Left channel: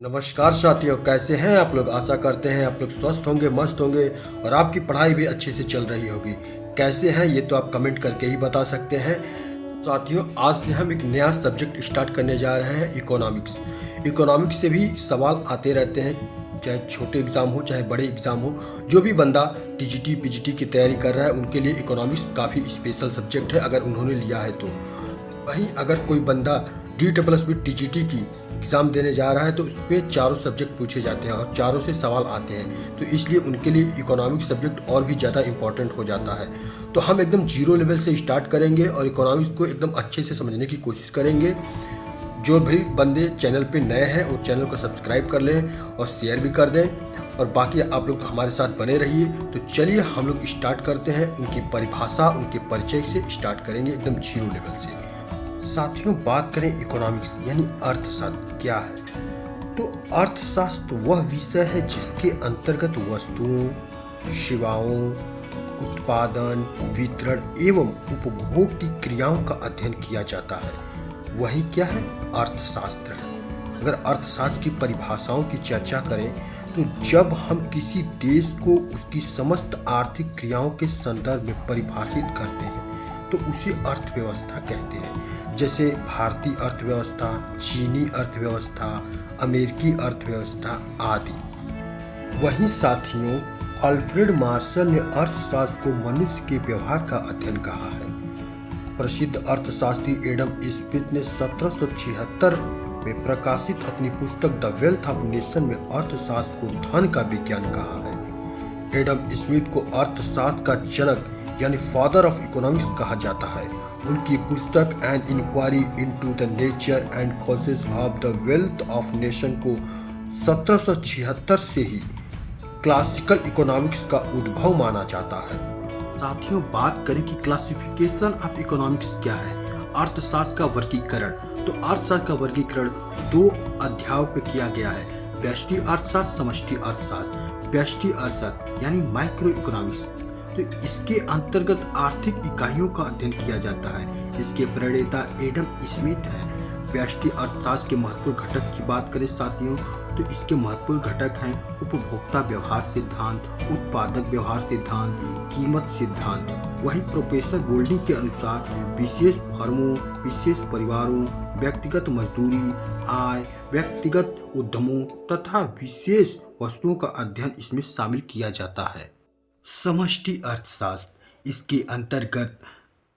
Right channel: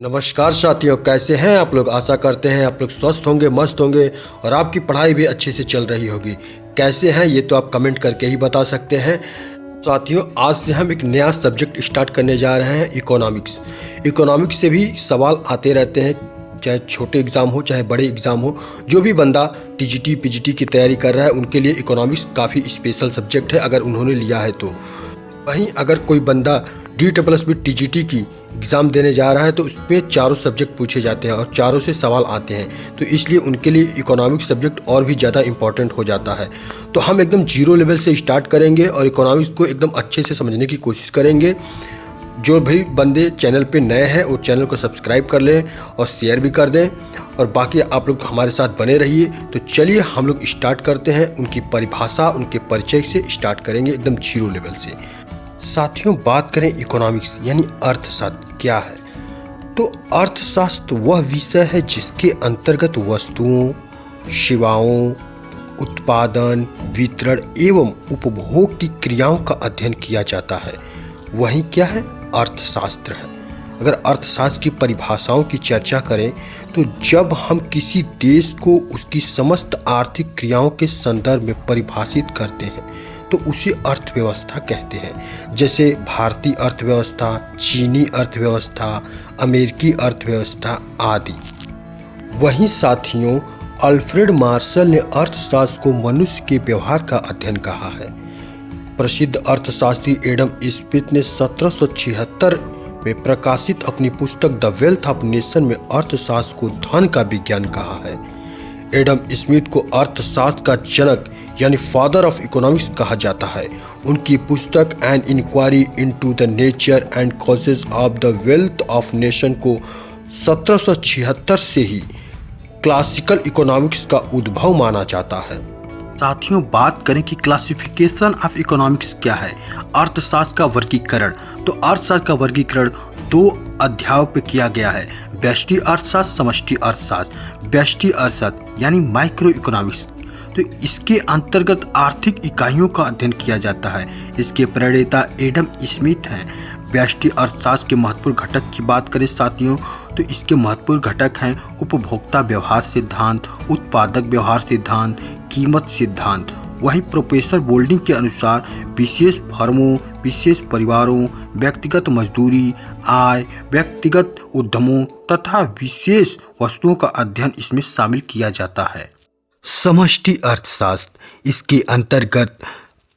नमस्कार साथियों, कैसे हैं आप लोग। आशा करते हैं आप लोग स्वस्थ होंगे, मस्त होंगे और आपकी पढ़ाई भी अच्छे से चल रही होगी। कैसे हैं ये तो आप कमेंट करके ही बता सकते हैं। साथियों, आज से हम एक नया सब्जेक्ट स्टार्ट करने जा रहे हैं, इकोनॉमिक्स। इकोनॉमिक्स से भी सवाल आते रहते हैं, चाहे छोटे एग्ज़ाम हो चाहे बड़े एग्ज़ाम हो। जो भी बंदा टीजीटी पीजीटी की तैयारी कर रहा है उनके लिए इकोनॉमिक्स काफ़ी स्पेशल सब्जेक्ट है, अगर उन्होंने लिया है तो। वहीं अगर कोई बंदा DSSB टीजीटी की एग्ज़ाम देने जा रहा है तो उस पर चारों सब्जेक्ट पूछे जाते हैं और चारों से सवाल आते हैं, तो इसलिए उनके लिए इकोनॉमिक्स सब्जेक्ट और भी ज़्यादा इम्पॉर्टेंट हो जाता है। तो हम एकदम जीरो लेवल से स्टार्ट करेंगे और इकोनॉमिक्स को एकदम अच्छे से समझने की कोशिश करेंगे। जो भी बंदे चैनल पे नए हैं वो चैनल को सब्सक्राइब कर लें और शेयर भी कर दें, और बाकी आप लोग हमारे साथ बने रहिए। तो चलिए हम लोग स्टार्ट करते हैं। उनकी परिभाषा, उनके परिचय से स्टार्ट करेंगे एकदम जीरो लेवल से। साथियों, बात करें इकोनॉमिक्स यानी अर्थशास्त्र क्या है, तो अर्थशास्त्र वह विषय है जिसके अंतर्गत वस्तुओं, सेवाओं, उत्पादन, वितरण एवं उपभोग की क्रियाओं का अध्ययन किया जाता है। वही क्या है, अर्थशास्त्र है। अगर अर्थशास्त्र की परिभाषाओं की चर्चा करें तो जब हम किसी देश को उसकी समस्त आर्थिक क्रियाओं के संदर्भ में परिभाषित करते हैं तो उसे अर्थव्यवस्था कहते हैं। जैसे भारतीय अर्थव्यवस्था, चीनी अर्थव्यवस्था, अमेरिकी अर्थव्यवस्था आदि। वहीं साथियों, अल्फ्रेड मार्शल ने अर्थशास्त्र को मनुष्य के व्यवहार का अध्ययन कहा है। प्रसिद्ध अर्थशास्त्री एडम स्मिथ ने 1776 में प्रकाशित अपनी पुस्तक द वेल्थ ऑफ नेशन में अर्थशास्त्र को धन का विज्ञान कहा है। एडम स्मिथ को अर्थशास्त्र का जनक यानी फादर ऑफ इकोनॉमिक्स कहा जाता है। उनकी पुस्तक an inquiry into the nature and causes of the wealth of nation को 1776 से ही क्लासिकल इकोनॉमिक्स का उद्भव माना जाता है। साथियों, बात करें कि क्लासिफिकेशन ऑफ इकोनॉमिक्स क्या है, अर्थशास्त्र का वर्गीकरण, तो अर्थशास्त्र का वर्गीकरण 2 अध्यायों पर किया गया है, व्यष्टि अर्थशास्त्र, समष्टि अर्थशास्त्र। व्यष्टि अर्थशास्त्र यानी माइक्रो इकोनॉमिक्स, तो इसके अंतर्गत आर्थिक इकाइयों का अध्ययन किया जाता है। इसके प्रणेता एडम स्मिथ हैं। व्यष्टि अर्थशास्त्र के महत्वपूर्ण घटक की बात करें साथियों, तो इसके महत्वपूर्ण घटक हैं उपभोक्ता व्यवहार सिद्धांत, उत्पादक व्यवहार सिद्धांत, कीमत सिद्धांत। वहीं प्रोफेसर बोल्डिंग के अनुसार विशेष फर्मों, विशेष परिवारों, व्यक्तिगत मजदूरी, आय, व्यक्तिगत उद्यमों तथा विशेष वस्तुओं का अध्ययन इसमें शामिल किया जाता है। समष्टि अर्थशास्त्र, इसके अंतर्गत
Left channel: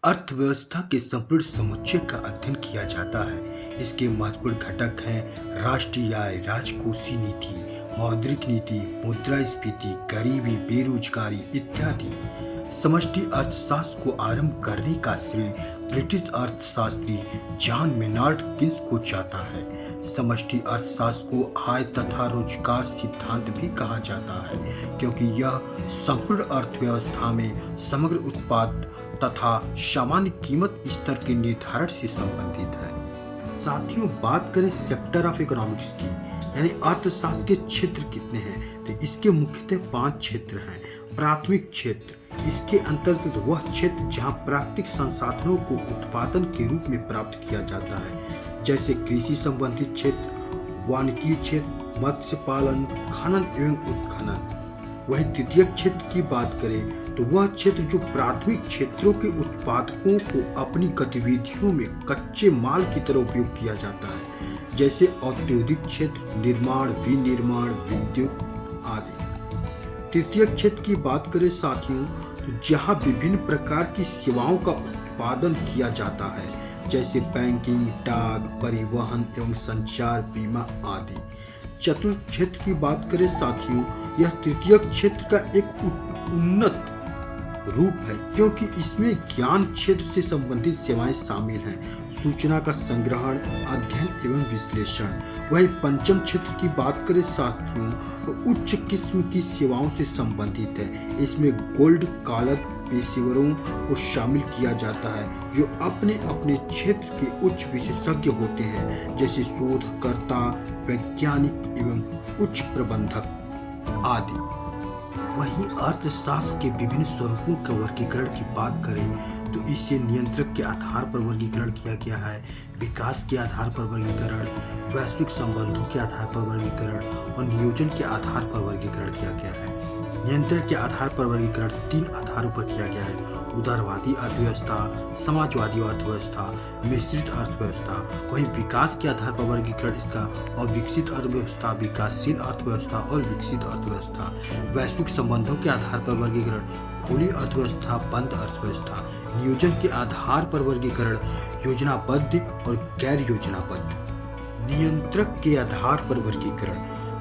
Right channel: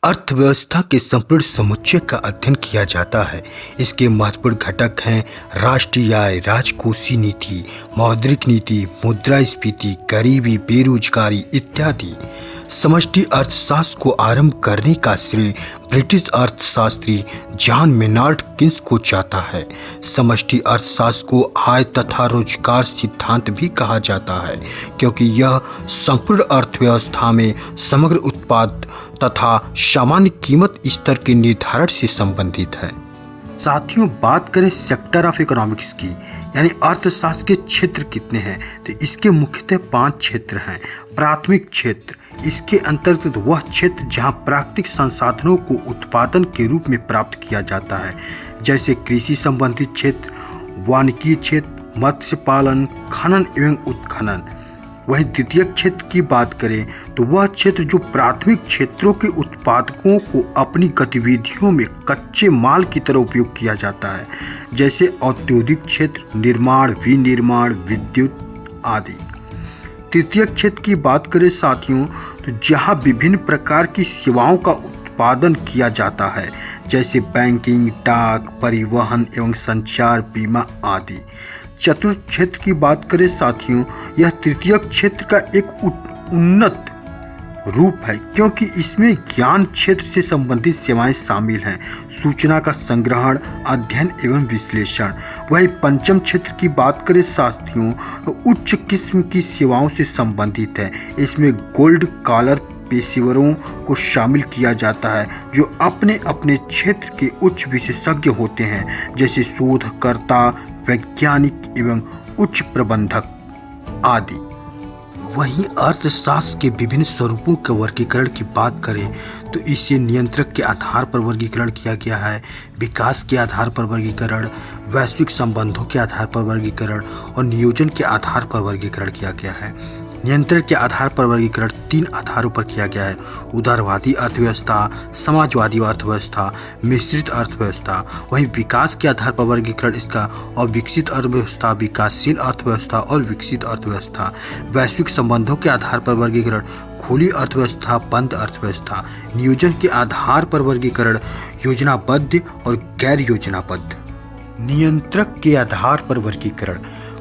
अर्थव्यवस्था के संपूर्ण समुच्चय का अध्ययन किया जाता है। इसके महत्वपूर्ण घटक हैं राष्ट्रीय आय, राजकोषीय नीति, मौद्रिक नीति, मुद्रास्फीति, गरीबी, बेरोजगारी इत्यादि। समष्टि अर्थशास्त्र को आरंभ करने का श्रेय ब्रिटिश अर्थशास्त्री जॉन मेनार्ड किन्स को जाता है। समष्टि अर्थशास्त्र को आय तथा रोजगार सिद्धांत भी कहा जाता है क्योंकि यह संपूर्ण अर्थव्यवस्था में समग्र उत्पाद तथा सामान्य कीमत स्तर के निर्धारण से संबंधित है। साथियों, बात करें सेक्टर ऑफ इकोनॉमिक्स की यानी अर्थशास्त्र के क्षेत्र कितने हैं, तो इसके मुख्यतः 5 क्षेत्र हैं। प्राथमिक क्षेत्र, इसके अंतर्गत वह क्षेत्र जहां प्राकृतिक संसाधनों को उत्पादन के रूप में प्राप्त किया जाता है, जैसे कृषि संबंधित क्षेत्र, वानिकी क्षेत्र, मत्स्य पालन, खनन एवं उत्खनन। वहीं द्वितीय क्षेत्र की बात करें तो वह क्षेत्र जो प्राथमिक क्षेत्रों के उत्पादकों को अपनी गतिविधियों में कच्चे माल की तरह उपयोग किया जाता है, जैसे औद्योगिक क्षेत्र, निर्माण, विनिर्माण, विद्युत आदि। तृतीय क्षेत्र की बात करें साथियों, तो जहां विभिन्न प्रकार की सेवाओं का उत्पादन किया जाता है, जैसे बैंकिंग, डाक, परिवहन एवं संचार, बीमा आदि। चतुर्थ क्षेत्र की बात करें साथियों, यह तृतीय क्षेत्र का एक उन्नत रूप है क्योंकि इसमें ज्ञान क्षेत्र से संबंधित सेवाएं शामिल हैं, सूचना का संग्रहण, अध्ययन एवं विश्लेषण। वही पंचम क्षेत्र की बात करें साथियों, तो उच्च किस्म की सेवाओं से संबंधित है। इसमें गोल्ड कॉलर पेशेवरों को शामिल किया जाता है जो अपने अपने क्षेत्र के उच्च विशेषज्ञ होते हैं, जैसे शोधकर्ता, वैज्ञानिक एवं उच्च प्रबंधक आदि। वहीं अर्थशास्त्र के विभिन्न स्वरूपों के वर्गीकरण की बात करें तो इसे नियंत्रक के आधार पर वर्गीकरण किया गया है, विकास के आधार पर वर्गीकरण, वैश्विक संबंधों के आधार पर वर्गीकरण और नियोजन के आधार पर वर्गीकरण किया गया है। नियंत्रण के आधार पर वर्गीकरण 3 आधारों पर किया गया है: उदारवादी अर्थव्यवस्था, समाजवादी अर्थव्यवस्था, मिश्रित अर्थव्यवस्था। वहीं विकास के आधार पर वर्गीकरण इसका अविकसित अर्थव्यवस्था, विकासशील अर्थव्यवस्था और विकसित अर्थव्यवस्था। वैश्विक संबंधों के आधार पर वर्गीकरण खुली अर्थव्यवस्था, बंद अर्थव्यवस्था। नियोजन के आधार पर वर्गीकरण योजनाबद्ध और गैर योजनाबद्ध। नियंत्रक के आधार पर वर्गीकरण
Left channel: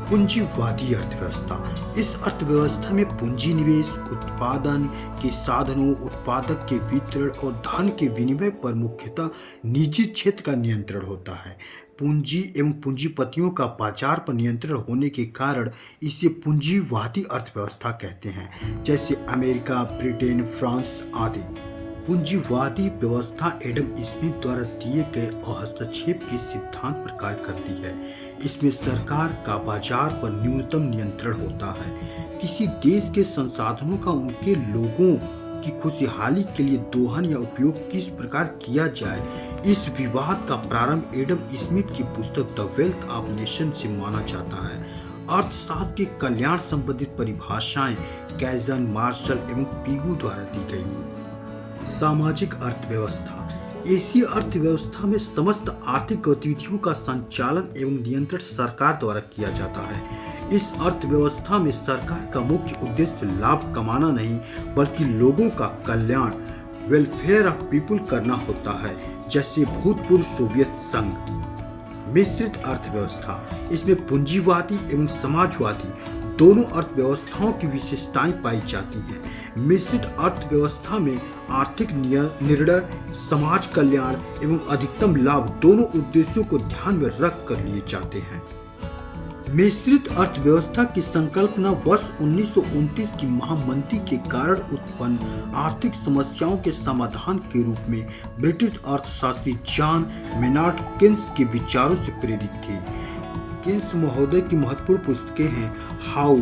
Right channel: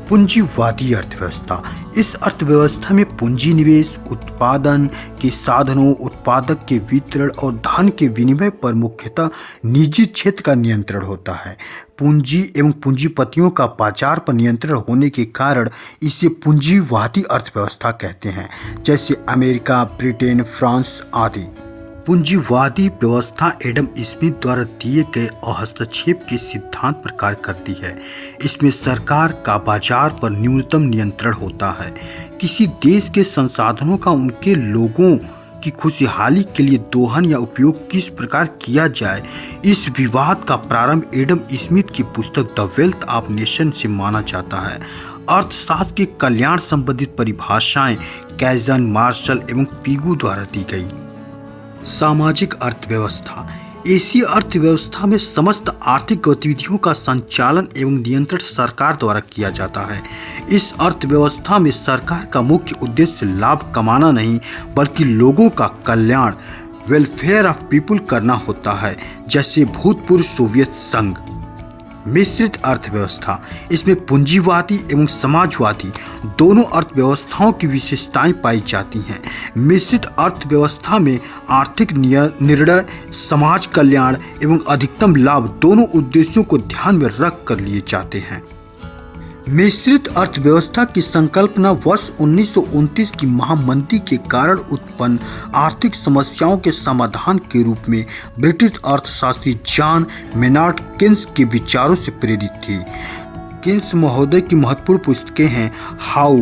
पूंजीवादी अर्थव्यवस्था। इस अर्थव्यवस्था में पूंजी निवेश, उत्पादन के साधनों, उत्पादक के वितरण और धन के विनिमय पर मुख्यतः निजी क्षेत्र का नियंत्रण होता है। पूंजी एवं पूंजीपतियों का बाजार पर नियंत्रण होने के कारण इसे पूंजीवादी अर्थव्यवस्था कहते हैं, जैसे अमेरिका, ब्रिटेन, फ्रांस आदि। पूंजीवादी व्यवस्था एडम स्मिथ द्वारा दिए गए हस्तक्षेप के सिद्धांत पर कार्य करती है। इसमें सरकार का बाजार पर न्यूनतम नियंत्रण होता है। किसी देश के संसाधनों का उनके लोगों की खुशहाली के लिए दोहन या उपयोग किस प्रकार किया जाए, इस विवाद का प्रारंभ एडम स्मिथ की पुस्तक द वेल्थ ऑफ नेशन से माना जाता है। अर्थशास्त्र के कल्याण संबंधित परिभाषाएं कैजन, मार्शल एवं पिगू द्वारा दी गई। सामाजिक अर्थव्यवस्था। ऐसी अर्थव्यवस्था में समस्त आर्थिक गतिविधियों का संचालन एवं नियंत्रण सरकार द्वारा किया जाता है। इस अर्थव्यवस्था में सरकार का मुख्य उद्देश्य लाभ कमाना नहीं, बल्कि लोगों का कल्याण, वेलफेयर ऑफ पीपुल करना होता है, जैसे भूतपूर्व सोवियत संघ। मिश्रित अर्थव्यवस्था। इसमें पूंजीवादी एवं समाजवादी दोनों अर्थव्यवस्थाओं की विशेषताएं पाई जाती हैं। मिश्रित अर्थव्यवस्था में आर्थिक निर्णय, समाज कल्याण एवं अधिकतम लाभ दोनों उद्देश्यों को ध्यान में रख कर लिए जाते हैं। मिश्रित अर्थव्यवस्था की संकल्पना वर्ष 1929 की महामंदी के कारण उत्पन्न आर्थिक समस्याओं के समाधान के रूप में ब्रिटिश अर्थशास्त्री जॉन मेनार्ड केन्स के विचारों से प्रेरित थी। केन्स महोदय की महत्वपूर्ण पुस्तकें हैं how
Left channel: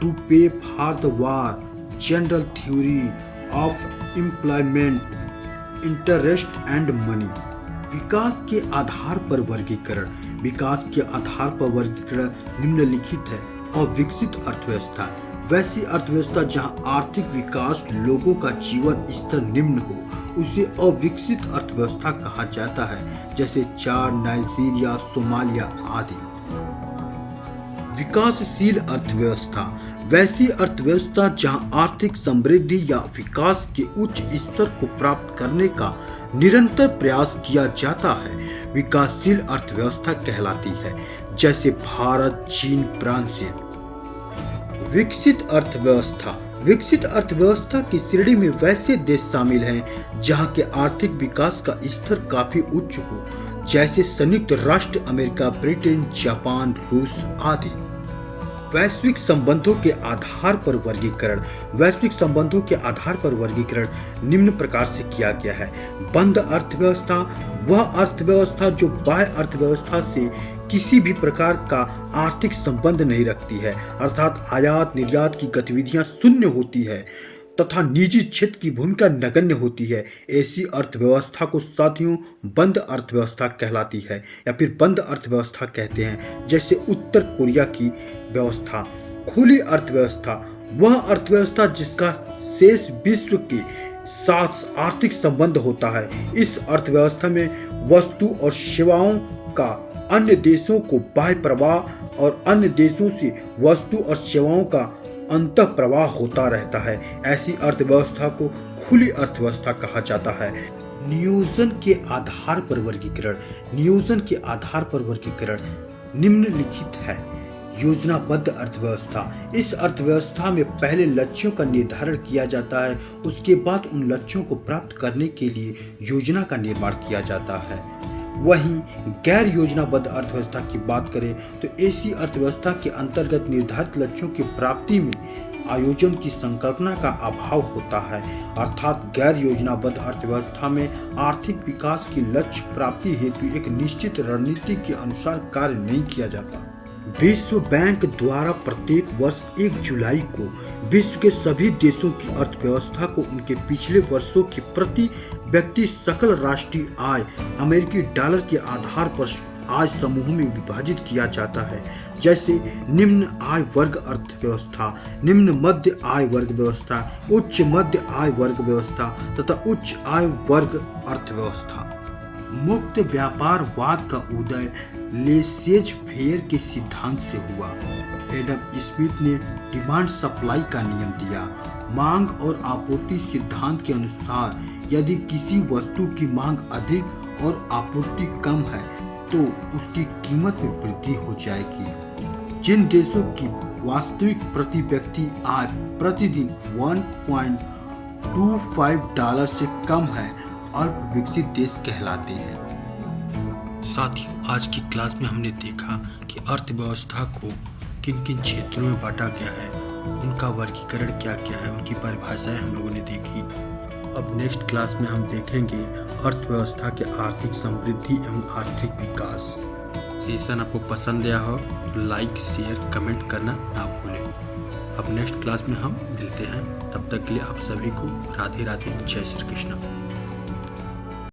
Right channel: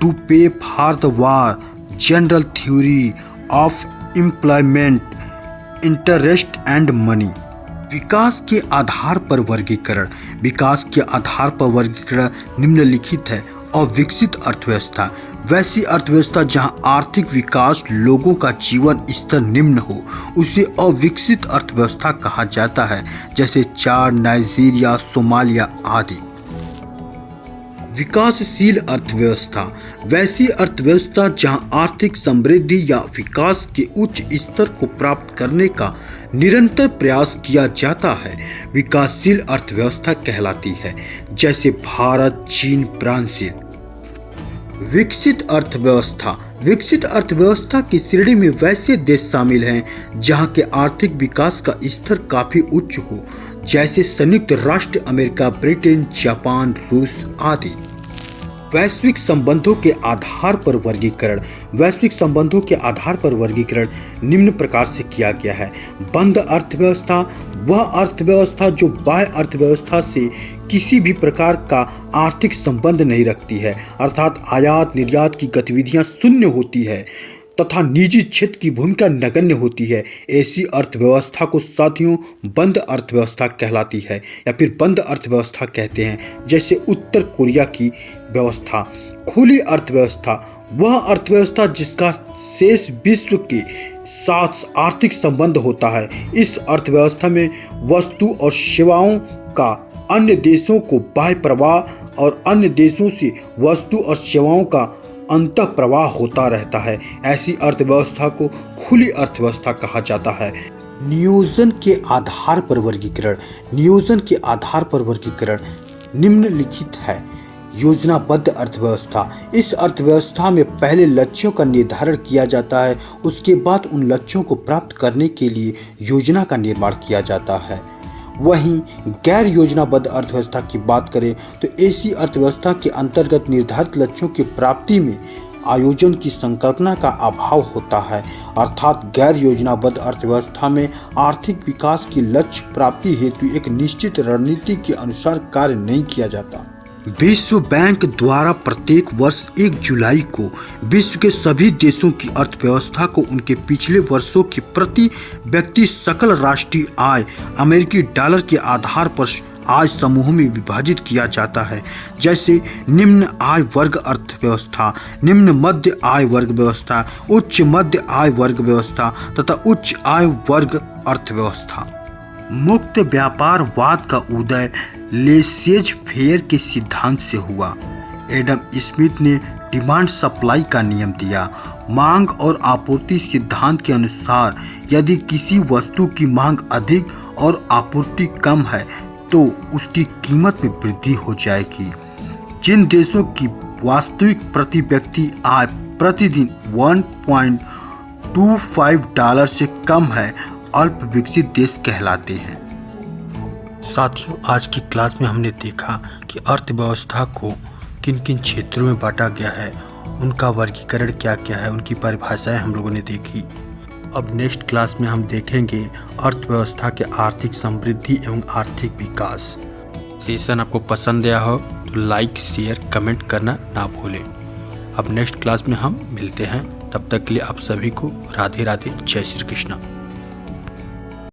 to pay for the war, general theory of employment, interest and money. विकास के आधार पर वर्गीकरण। विकास के आधार पर वर्गीकरण निम्नलिखित है: अविकसित अर्थव्यवस्था, वैसी अर्थव्यवस्था जहां आर्थिक विकास, लोगों का जीवन स्तर निम्न हो, उसे अविकसित अर्थव्यवस्था कहा जाता है, जैसे चाड, नाइजीरिया, सोमालिया आदि। विकासशील अर्थव्यवस्था, वैसी अर्थव्यवस्था जहां आर्थिक समृद्धि या विकास के उच्च स्तर को प्राप्त करने का निरंतर प्रयास किया जाता है, विकासशील अर्थव्यवस्था कहलाती है, जैसे भारत, चीन, ब्राजील। विकसित अर्थव्यवस्था, विकसित अर्थव्यवस्था की श्रेणी में वैसे देश शामिल हैं जहां के आर्थिक विकास का स्तर काफी उच्च हो, जैसे संयुक्त राष्ट्र अमेरिका, ब्रिटेन, जापान, रूस आदि। वैश्विक संबंधों के आधार पर वर्गीकरण। वैश्विक संबंधों के आधार पर वर्गीकरण निम्न प्रकार से किया गया है: बंद अर्थव्यवस्था, वह अर्थव्यवस्था जो बाह्य अर्थव्यवस्था से किसी भी प्रकार का आर्थिक संबंध नहीं रखती है, अर्थात आयात निर्यात की गतिविधियां शून्य होती है तथा निजी क्षेत्र की भूमिका नगण्य होती है। ऐसी अर्थव्यवस्था को साथियों बंद अर्थव्यवस्था कहलाती है या फिर बंद अर्थव्यवस्था कहते हैं, जैसे उत्तर कोरिया की व्यवस्था। खुली अर्थव्यवस्था, वह अर्थव्यवस्था जिसका शेष विश्व के साथ आर्थिक संबंध होता है। इस अर्थव्यवस्था में वस्तु और सेवाओं का अन्य देशों को बाह्य प्रवाह और अन्य देशों से वस्तु और सेवाओं का अंतः प्रवाह होता रहता है। ऐसी अर्थव्यवस्था को खुली अर्थव्यवस्था कहा जाता है। नियोजन के आधार पर वर्गीकरण। नियोजन के आधार पर वर्गीकरण निम्नलिखित है: योजनाबद्ध अर्थव्यवस्था, इस अर्थव्यवस्था में पहले लक्ष्यों का निर्धारण किया जाता है, उसके बाद उन लक्ष्यों को प्राप्त करने के लिए योजना का निर्माण किया जाता है। वहीं गैर योजनाबद्ध अर्थव्यवस्था की बात करें तो ऐसी अर्थव्यवस्था के अंतर्गत निर्धारित लक्ष्यों की प्राप्ति में आयोजन की संकल्पना का अभाव होता है, अर्थात गैर योजनाबद्ध अर्थव्यवस्था में आर्थिक विकास की लक्ष्य प्राप्ति हेतु एक निश्चित रणनीति के अनुसार कार्य नहीं किया जाता। विश्व बैंक द्वारा प्रत्येक वर्ष 1 जुलाई को विश्व के सभी देशों की अर्थव्यवस्था को उनके पिछले वर्षों की प्रति व्यक्ति सकल राष्ट्रीय आय अमेरिकी डॉलर के आधार पर आय समूहों में विभाजित किया जाता है, जैसे निम्न आय वर्ग अर्थव्यवस्था, निम्न मध्य आय वर्ग व्यवस्था, उच्च मध्य आय वर्ग व्यवस्था तथा उच्च आय वर्ग अर्थव्यवस्था। मुक्त व्यापारवाद का उदय लेसेज फेयर के सिद्धांत से हुआ। एडम स्मिथ ने डिमांड सप्लाई का नियम दिया। मांग और आपूर्ति सिद्धांत के अनुसार यदि किसी वस्तु की मांग अधिक और आपूर्ति कम है तो उसकी कीमत में वृद्धि हो जाएगी। जिन देशों की वास्तविक प्रति व्यक्ति आय प्रतिदिन 1.25 डॉलर से कम है अल्प विकसित देश कहलाते हैं। साथियों, आज की क्लास में हमने देखा कि अर्थव्यवस्था को किन किन क्षेत्रों में बांटा गया है, उनका वर्गीकरण क्या क्या है, उनकी परिभाषाएं हम लोगों ने देखी। अब नेक्स्ट क्लास में हम देखेंगे अर्थव्यवस्था के आर्थिक समृद्धि एवं आर्थिक विकास। सेशन आपको पसंद आया हो तो लाइक शेयर कमेंट करना ना भूलें। अब नेक्स्ट क्लास में हम मिलते हैं, तब तक के लिए आप सभी को राधे राधे, जय श्री कृष्ण।